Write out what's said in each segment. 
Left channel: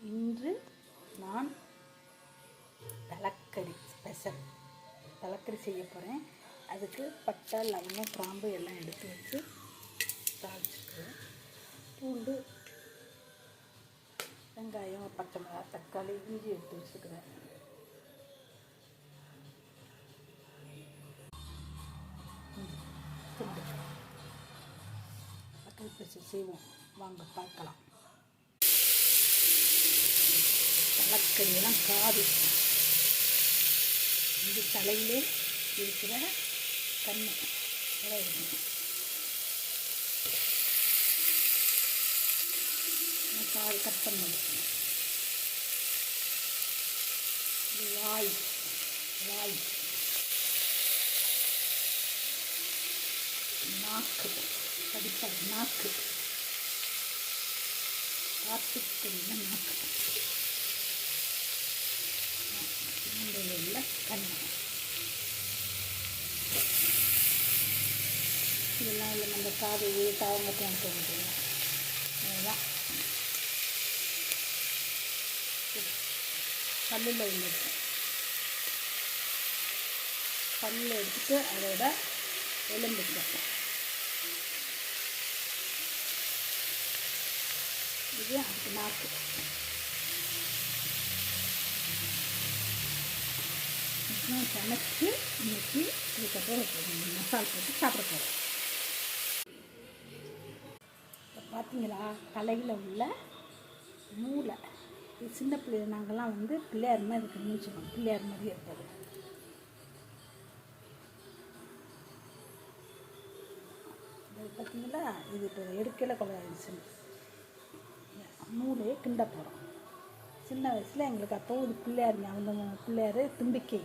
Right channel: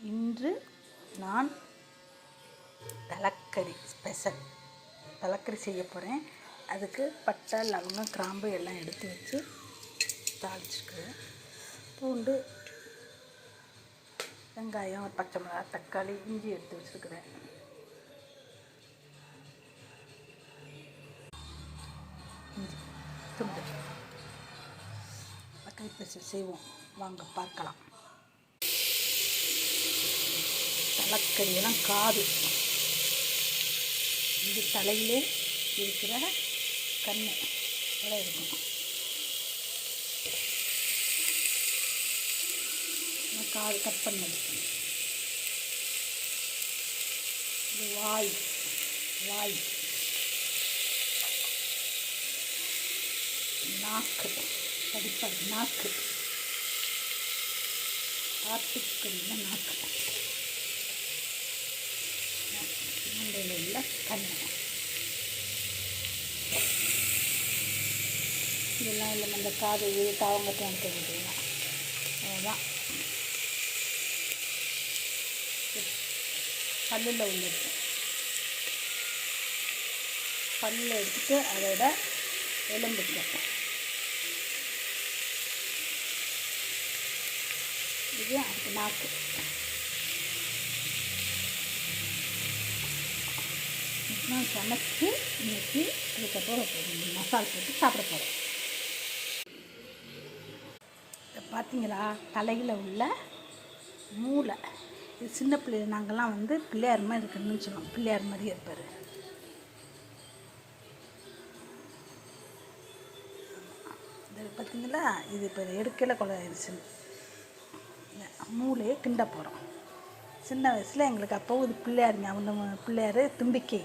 இன்று நான் தலைக்கறி ஸ்பெஷல் தலைக்கறி செய்ய போகிறேன் அதுக்கு பட்டை லவங்கம் கிராம்பு எல்லாம் எடுத்து வச்சு தாளிச்சிருக்கிறேன் பூண்டு வெங்காயம் பச்சை மிளகா தக்காளி இஞ்சி எடுத்து வச்சுருக்கிறேன். இஞ்சி துண்டு. தக்காளி பேசி செய்வோம். வாங்க பார்க்கலாம். தலைக்கறியெல்லாம் காது. இது தலையிலே இருக்கிற கண் இதெல்லாம் இருக்கும்? காது கட் பண்ணது. இது வாய். வாய். நாக்கு. படிப்பது நாக்கு. ஆட்டுக்கறியில் நாக்கு. உள்ள கண் இதெல்லாம் இல்லை நம்ம காது தாவங்கட்டும் தெரிஞ்சுக்கலாம் அதுதான் பல்லில் உள்ளது. பல்லில் எடுத்துட்டு அதோட எலும்புக்கு. இது அதுக்கு நாக்கு. நான் சமைச்சு இன்னைக்கு அதுக்கப்புறம் மசால் போட்டு சாப்பிட போகிறேன் இதை பார்த்தீங்களா? தலையில் உள்ள மூளை. இது சின்ன பிள்ளை நாங்கள்லாம் வந்து பிள்ளையார் மாதிரி இருக்கணும்னு சொல்லுவோம். பிள்ளையார் மாதிரி இருப்பார். இது பார்த்தீங்களா? இது இப்போ எடுக்கல கொலை ஆயிடுச்சுன்னு. மூளையை கிண்ட போகிறோம் சின்ன வயசில் எங்களுக்கு அப்போ ஒரு பிள்ளையார் ஞாபகம் பிள்ளையார் தும்பிக்கை.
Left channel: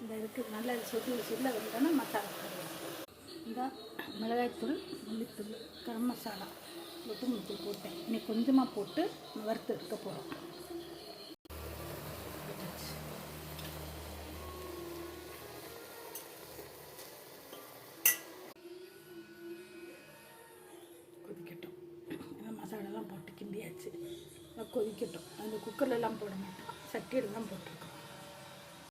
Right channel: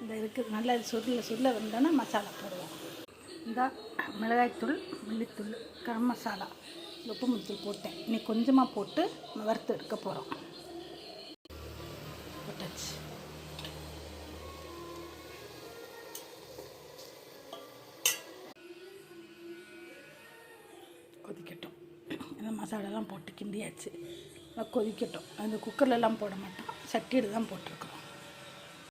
இந்த இதுக்கு நல்லா சுருள சுருள வந்தோன்னா மசாலா போடுவோம். இந்த மிளகாய்த்தூள் மல்லித்தூள் கரம் மசாலா உப்பு மல்லித்தூள் போட்டேன். இன்னைக்கு கொஞ்சமாக போட்டு வறுத்து எடுக்க போகிறோம் போட்டாச்சு. மசாலாலாம் போட்டு கிண்டியாச்சு. நல்லா கொதிக்கட்டும். அந்த குக்கர்லலாம் போட மாட்டோம். சட்டியில் தான் போட்டிருக்கோம்.